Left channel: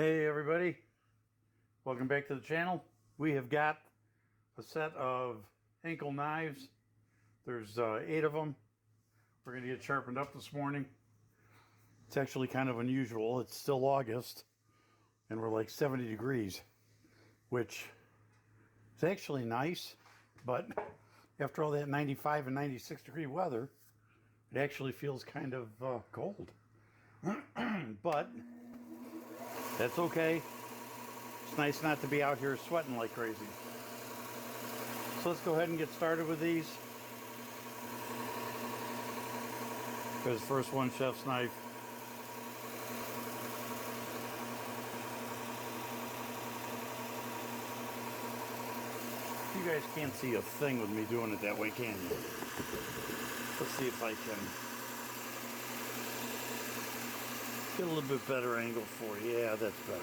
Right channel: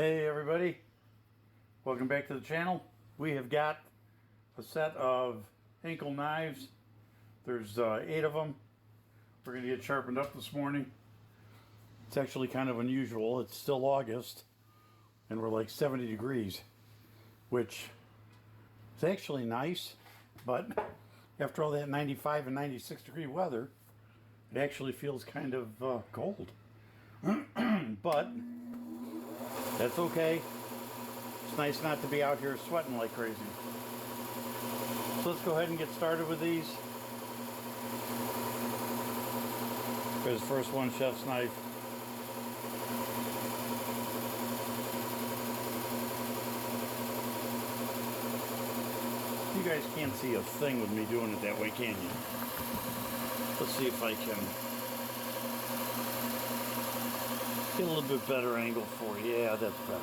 Hey everybody, welcome back to the channel. We have got a set of Henckels knives. There's 8 of them. We're going to get sharpened up this morning. It's actually kind of unusual. It's still August and we're like 70 degrees, which is actually nice, but after all that 95 and 96 degree weather, it actually feels kind of cold. But that's okay. It's nice not to be out here sweating like crazy. So let's go ahead and get started with these. Here's the first one, chef's knife. You guys can't see a thing with me doing it that way, can you? Let's see if I can get a little bit better angle for you. Yeah, that's better.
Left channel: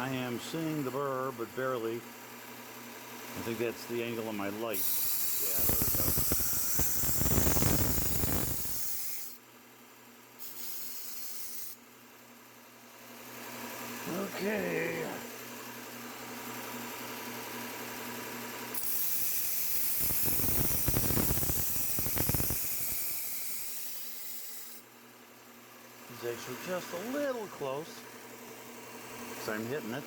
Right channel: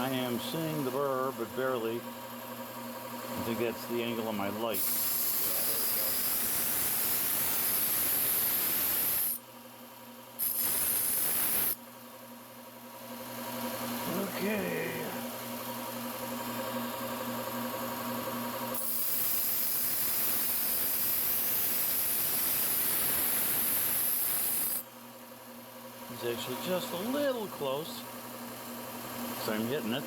I am seeing the burr, but barely. I think that's the angle of my light. Yeah, there we go. Okay. It's actually just a little close, so I'm hitting it.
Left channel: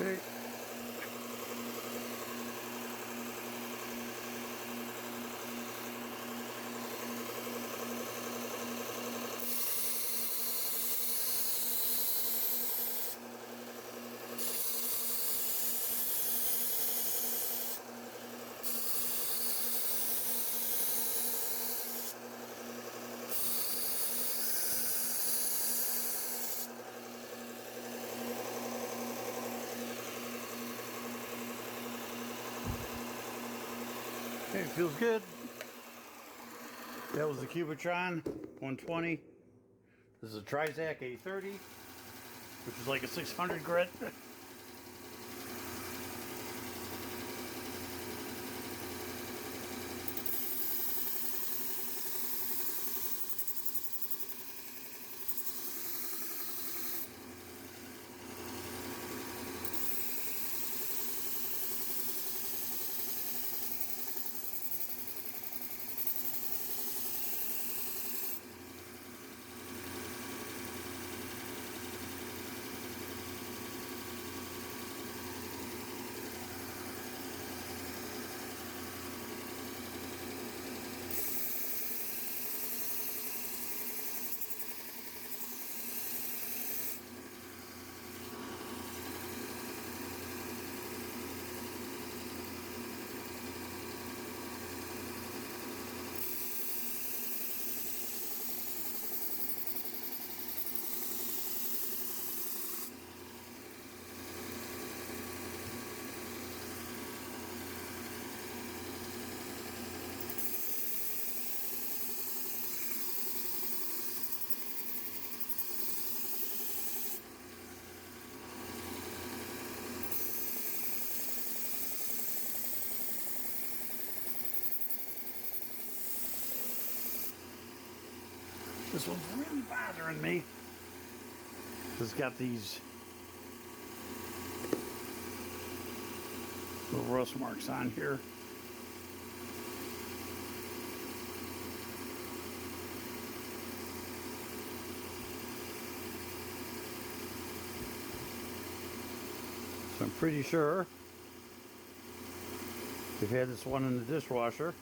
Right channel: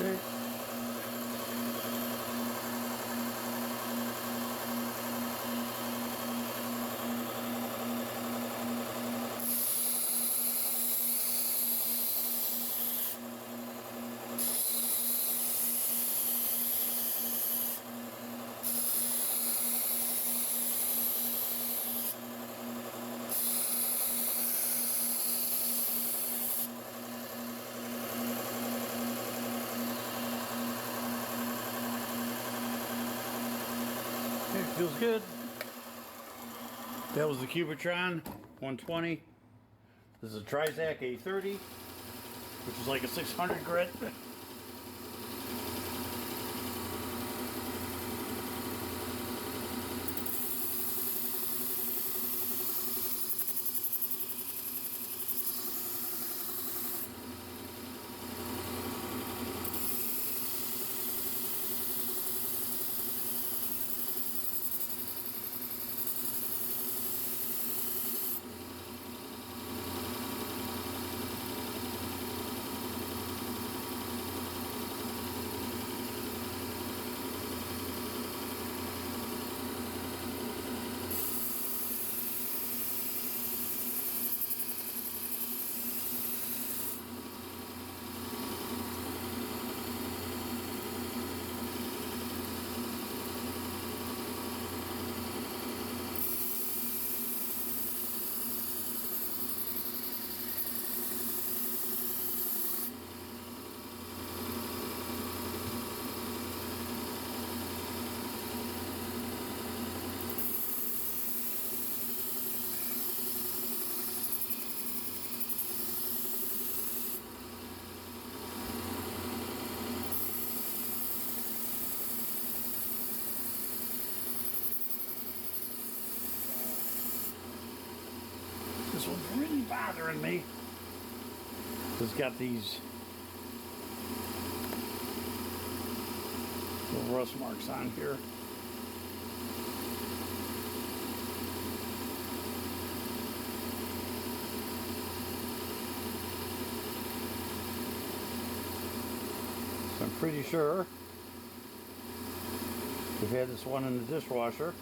Okay. Okay, feels good. That was the Cubitron 120. This is a Trizact A30, which is like a 600 grit. This one's really bothering me. It's got these little rust marks on here. So I'm pretty sure we've had this one in the dishwasher.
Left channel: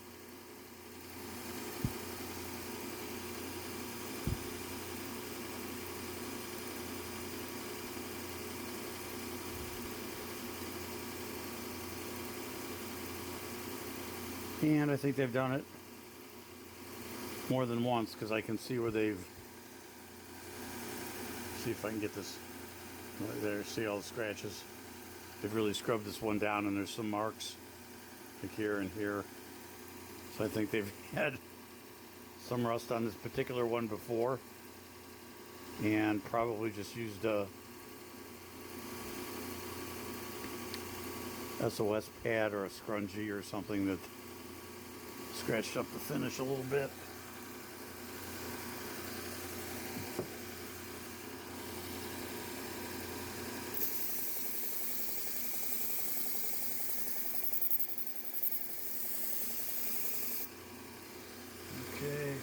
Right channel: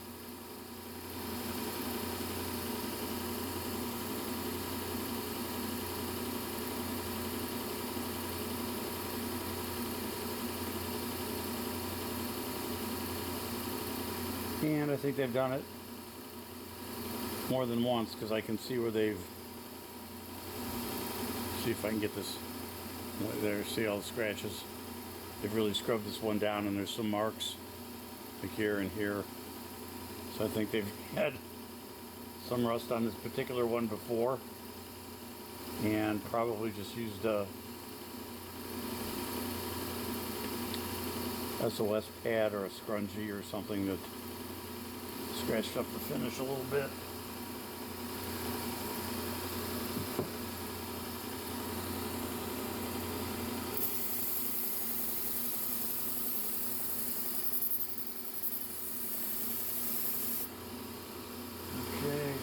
And I think they've done it more than once because I can see where they've, see if I can get this there, see all the scratches. They've really scrubbed this one down and there's some marks like here and here. So I think they've had some rust on this particular one before and probably just used a SOS pad or a scrunchie or something that scratched up the finish a little bit. Okay.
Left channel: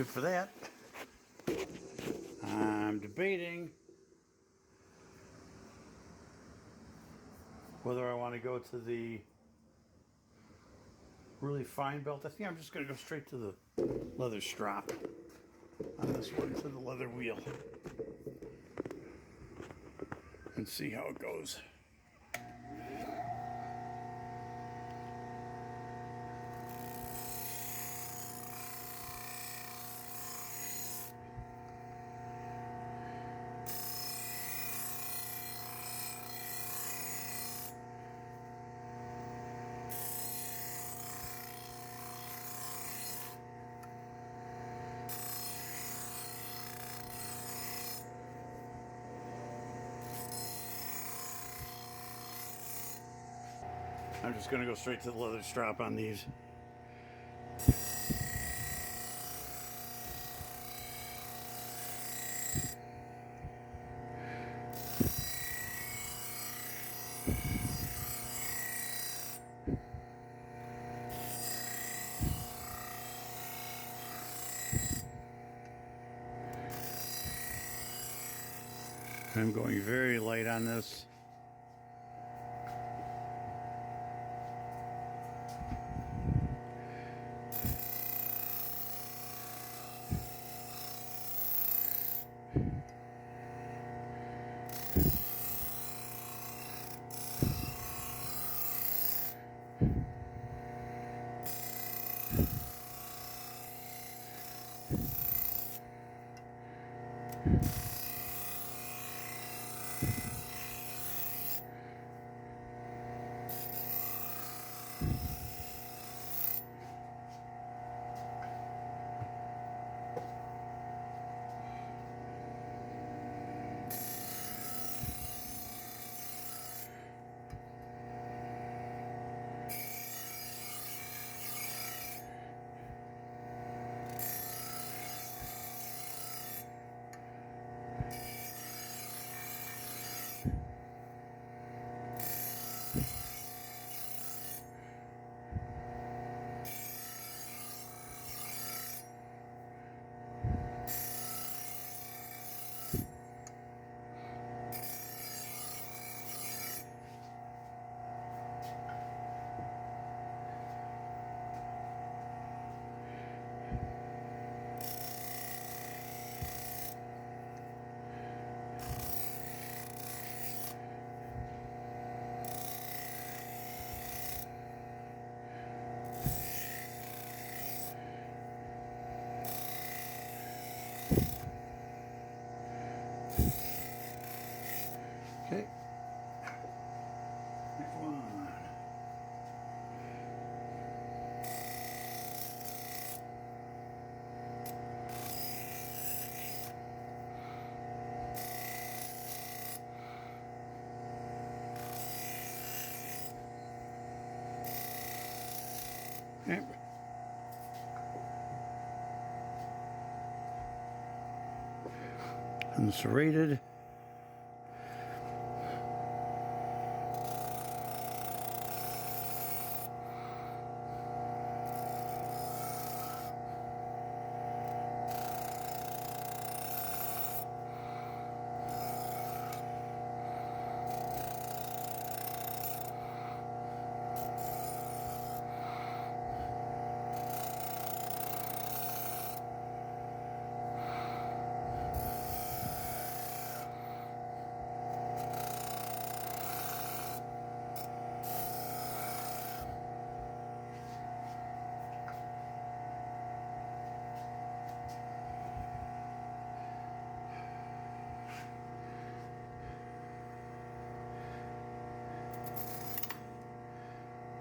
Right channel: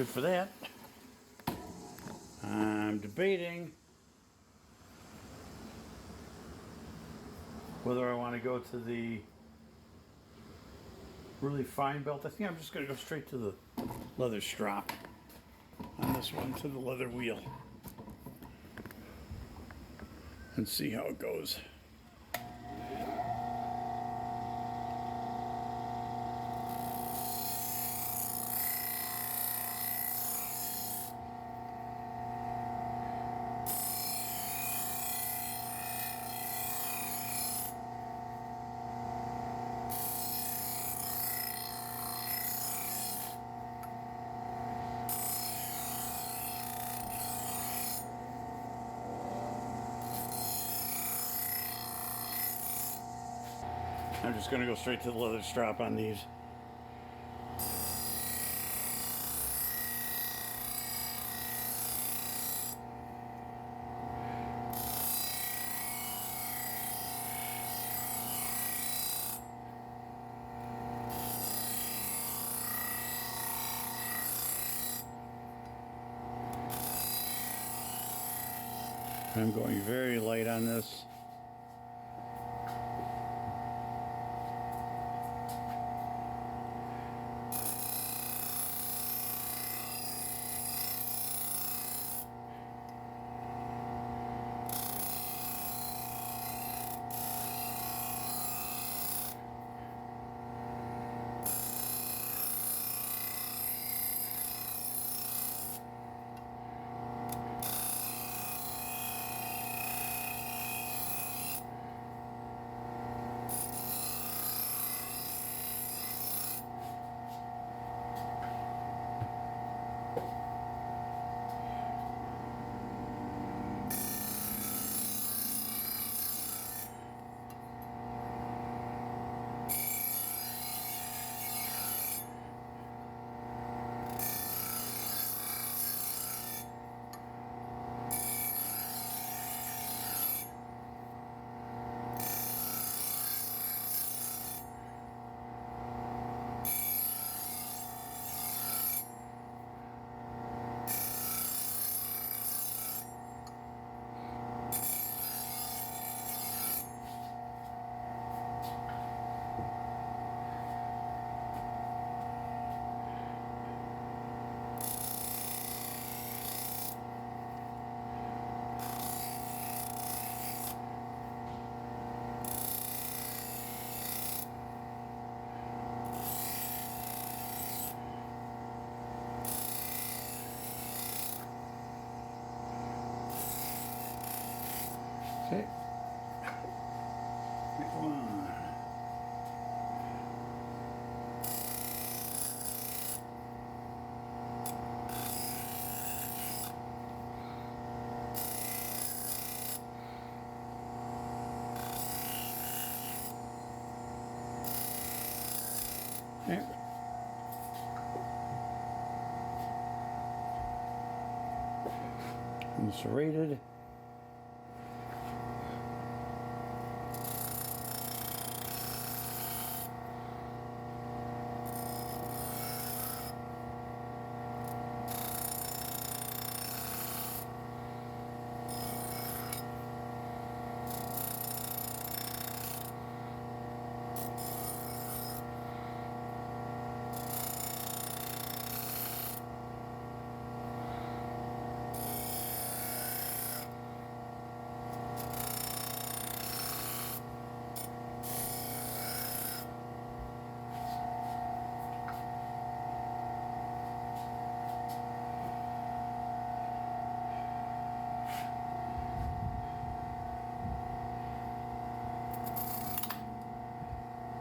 good for that. I'm debating whether I want to go to the really fine belt. I think I'm just going to go straight to the leather strap on this one, to the leather wheel, and see how it goes. I'm just going to go straight to the leather strap on these. I'm going very light on this. Okay. Next one. Okay. And serrated.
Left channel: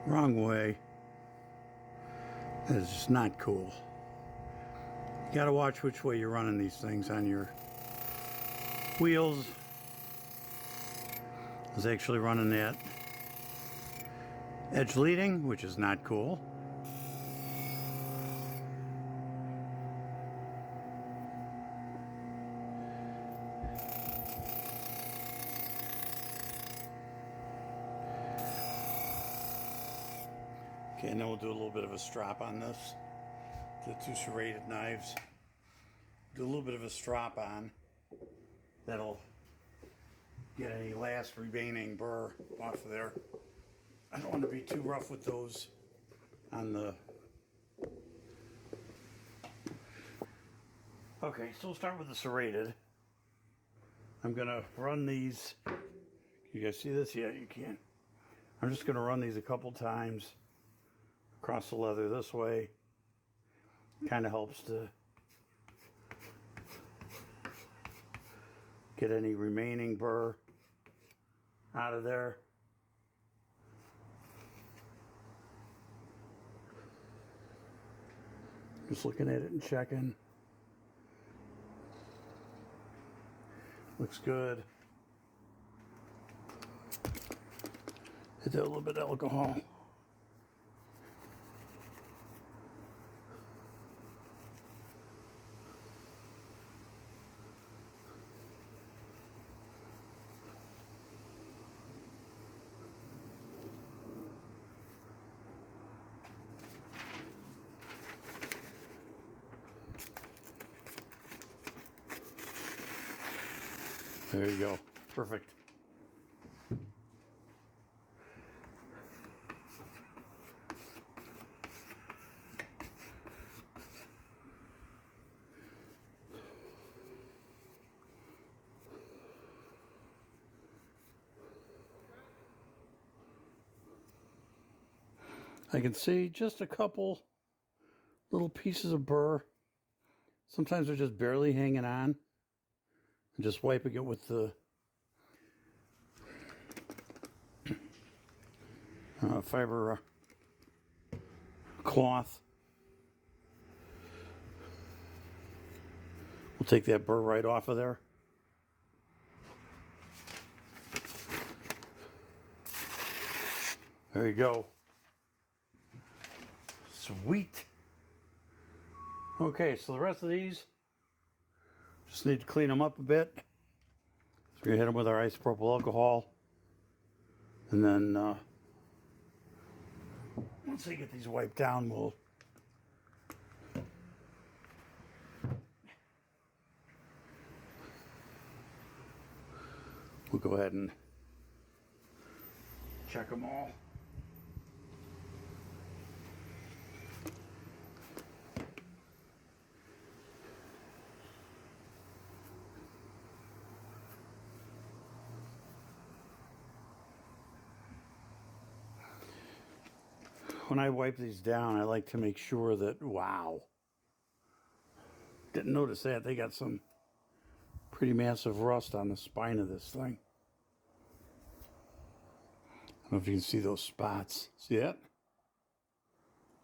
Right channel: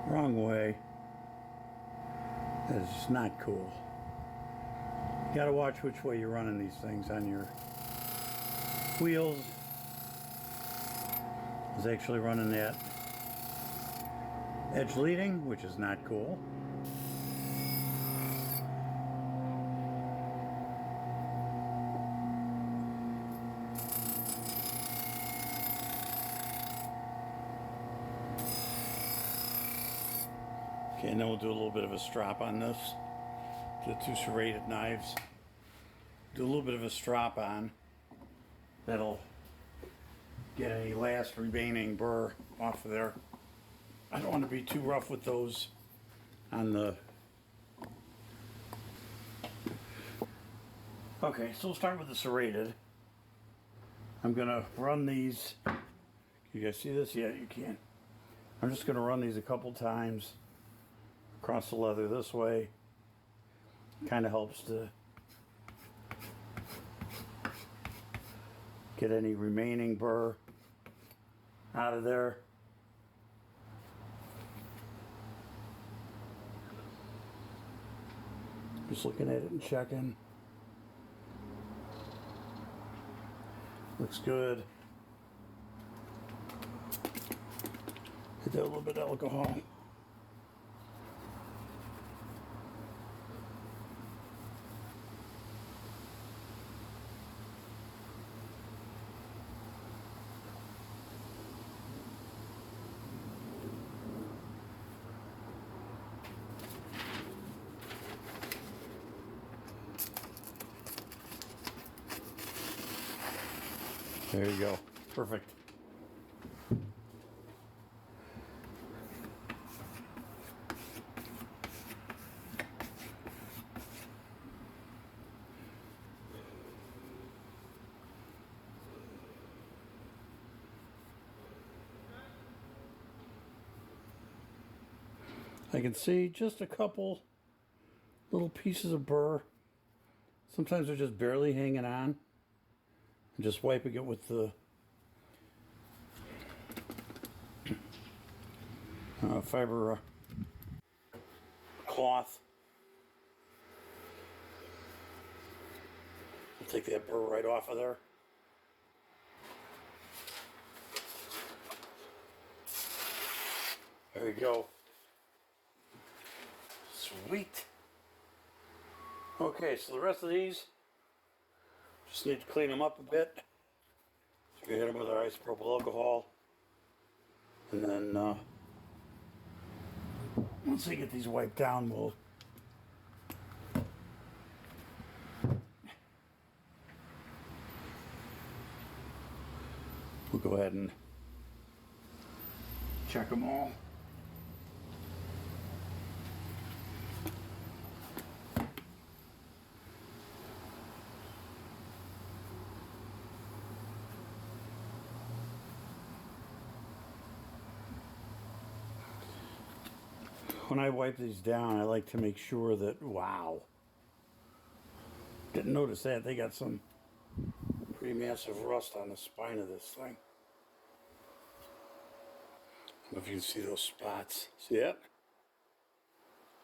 Wrong way. That is not cool. You gotta watch which way you're running these things on your wheels. I was actually running that edge leading, which is not cool. Okay, and then we'll do a little bit of a strop on this, the two serrated knives. do a little bit of a strop on. That'll get any last remaining burr off of there. I don't want to be too rough with those on the... Okay, so we'll start with the serrated. I'm gonna run these. You guys see this? Yeah, you can. I'm just gonna run these a couple times across the leather this way. Kind of helps to get any remaining burr out of there. Just looking at it and checking. Looks good. Hit that a little bit of alcohol. There you go. Perfect. I can see just a couple little pieces of burr. Sometimes they're just barely hanging on. I'm just wiping it with the fiber cloth. We'll take that burr right off of there. There you go. Sweet. Okay, so the rest of these, just need to clean them up a bit. So we hit them with our isopropyl alcohol. And then once I get these wiped down, we'll go ahead and check them all. When I wipe these down, I like to make sure that, wow, didn't notice that. They got some pretty massive rust on the spine of this thing. I don't know if you can see those spots. See that?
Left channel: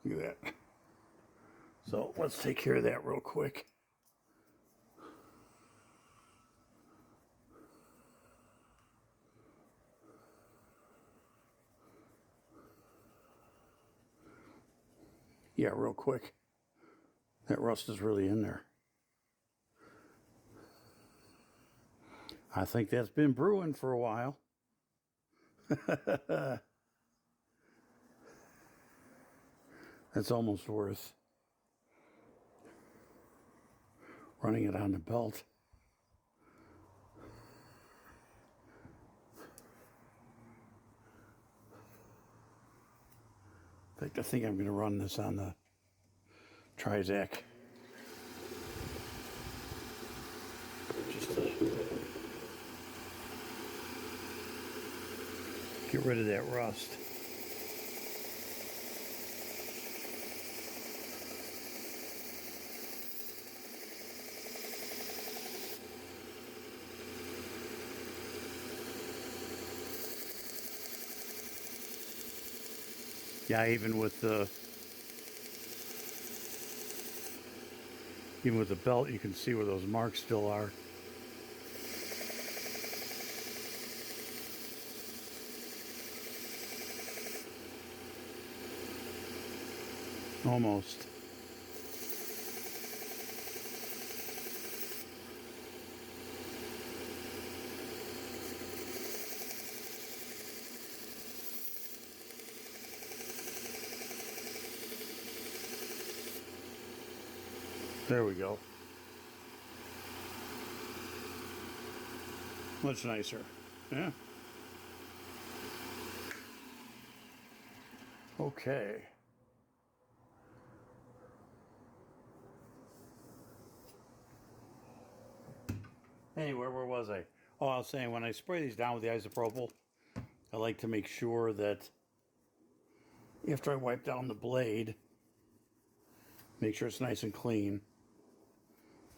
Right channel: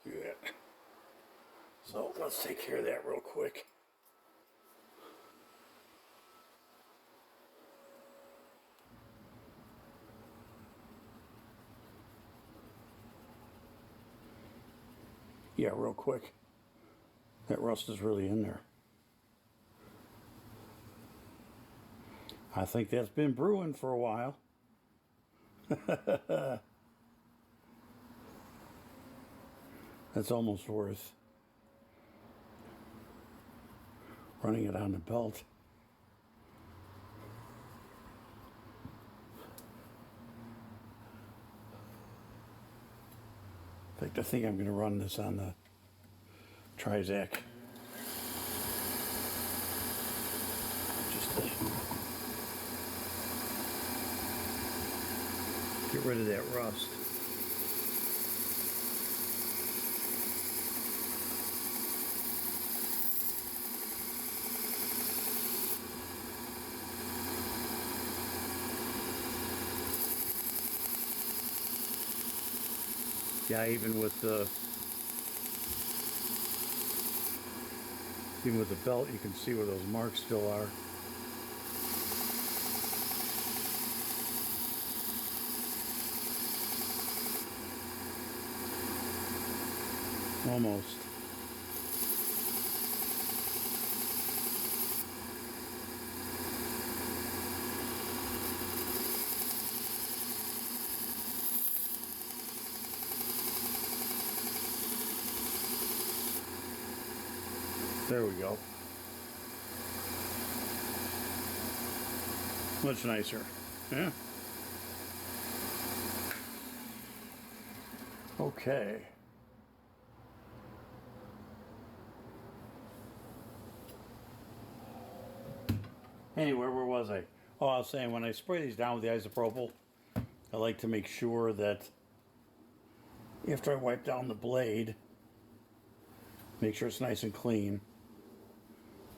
Look at that. So let's take care of that real quick. Yeah, real quick. That rust is really in there. I think that's been brewing for a while. That's almost worth running it on the belt. In fact, I think I'm going to run this on the Trizact. Just to get rid of that rust. Yeah, even with the belt, you can see where those marks still are. Almost. There we go. Much nicer. Yeah. Okay. Anyway, where was I? Oh, I was saying when I spray these down with the isopropyl, I like to make sure that after I wipe down the blade, make sure it's nice and clean,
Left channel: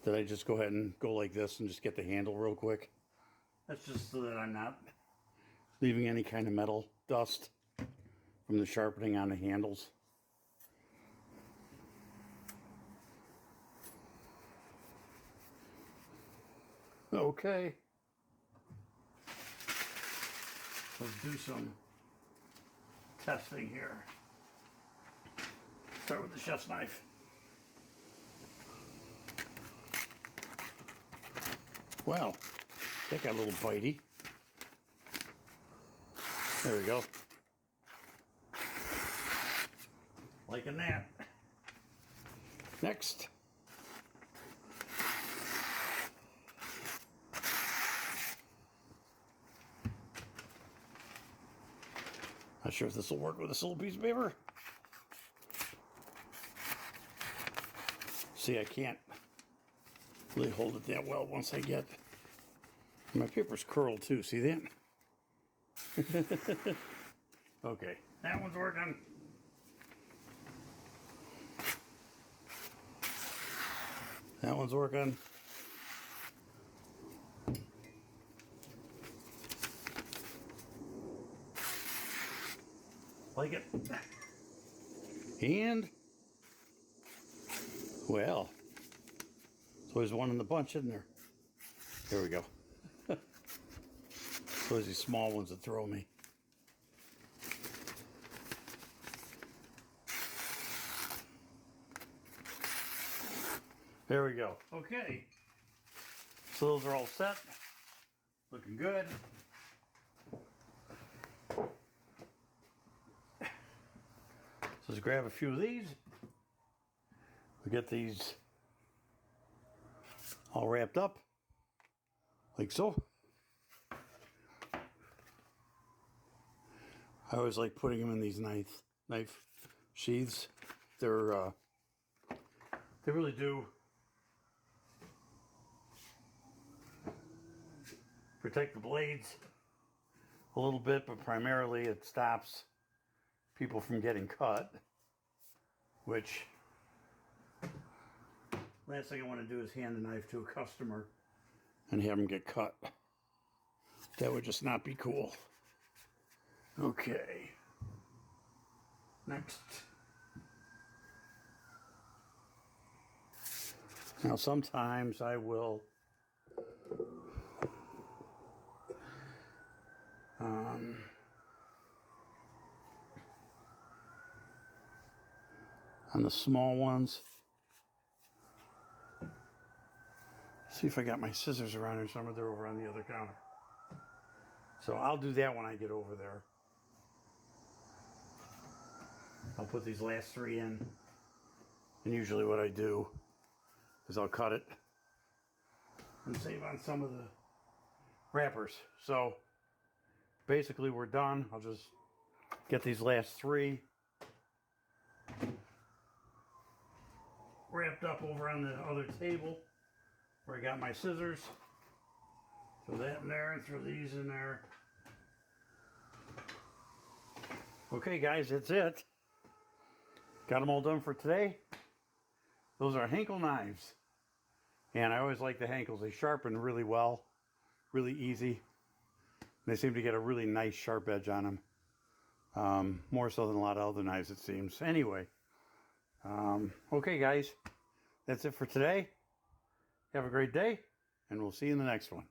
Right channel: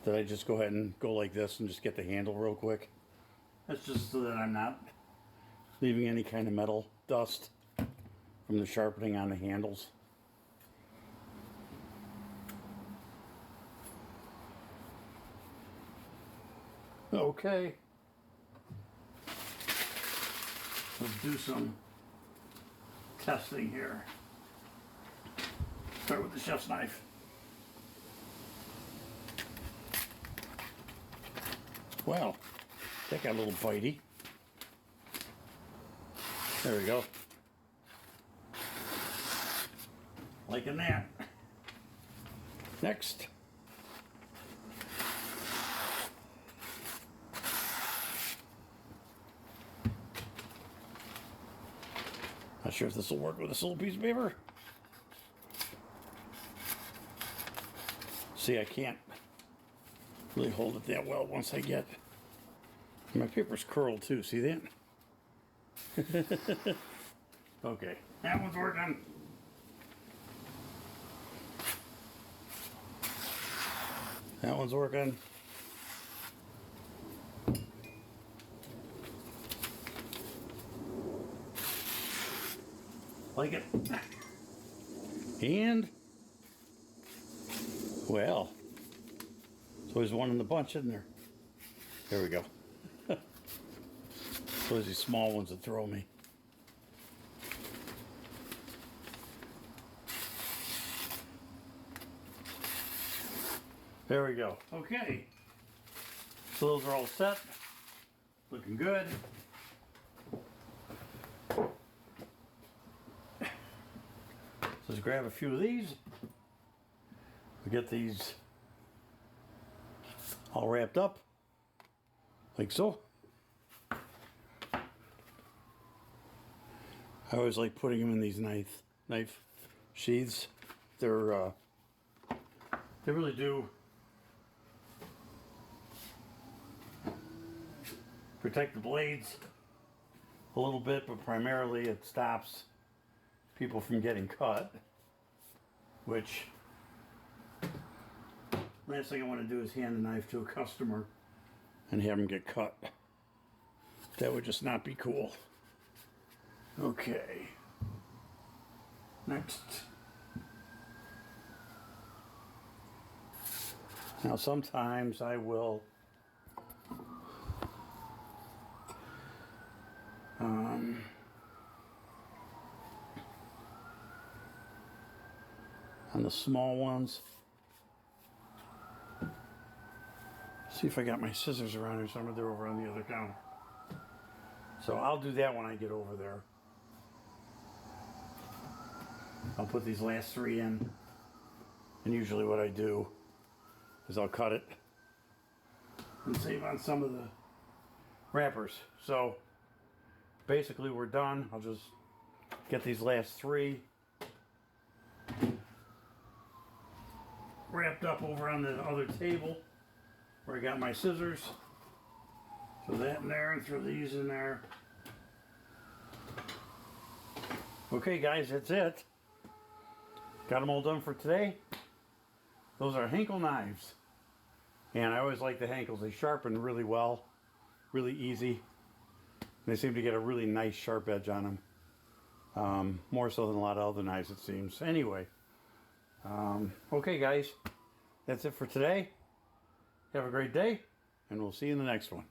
that I just go ahead and go like this and just get the handle real quick. That's just so that I'm not leaving any kind of metal dust from the sharpening on the handles. Okay. Let's do some testing here. Start with the chef's knife. Wow, that got a little bitey. There we go. Liking that. Next. Not sure if this will work with this little piece of paper. See, I can't really hold it that well once I get... My paper's curled too, see that? Okay, that one's working. That one's working. Like it. And, well, so there's one in the bunch, isn't there? There we go. So there's these small ones that throw me. There we go. Okay. So those are all set. Looking good. So let's grab a few of these. We get these all wrapped up, like so. I always like putting them in these knife sheaths. They really do protect the blades a little bit, but primarily it stops people from getting cut, which last thing I want to do is hand the knife to a customer and have them get cut. That would just not be cool. Okay. Next. Now sometimes I will on the small ones, see if I got my scissors around here somewhere. They're over on the other counter. So I'll do that when I get over there. I'll put these last three in, and usually what I do is I'll cut it and save on some of the wrappers. So basically we're done. I'll just get these last three wrapped up over on the other table where I got my scissors. Throw that in there and throw these in there. Okay guys, that's it. Got them all done for today. Those are Henckels knives. And I always like the Henckels. They sharpen really well, really easy. They seem to get a really nice sharp edge on them. More so than a lot of other knives, it seems. Anyway, okay guys, that's it for today. Have a great day, and we'll see you in the next one.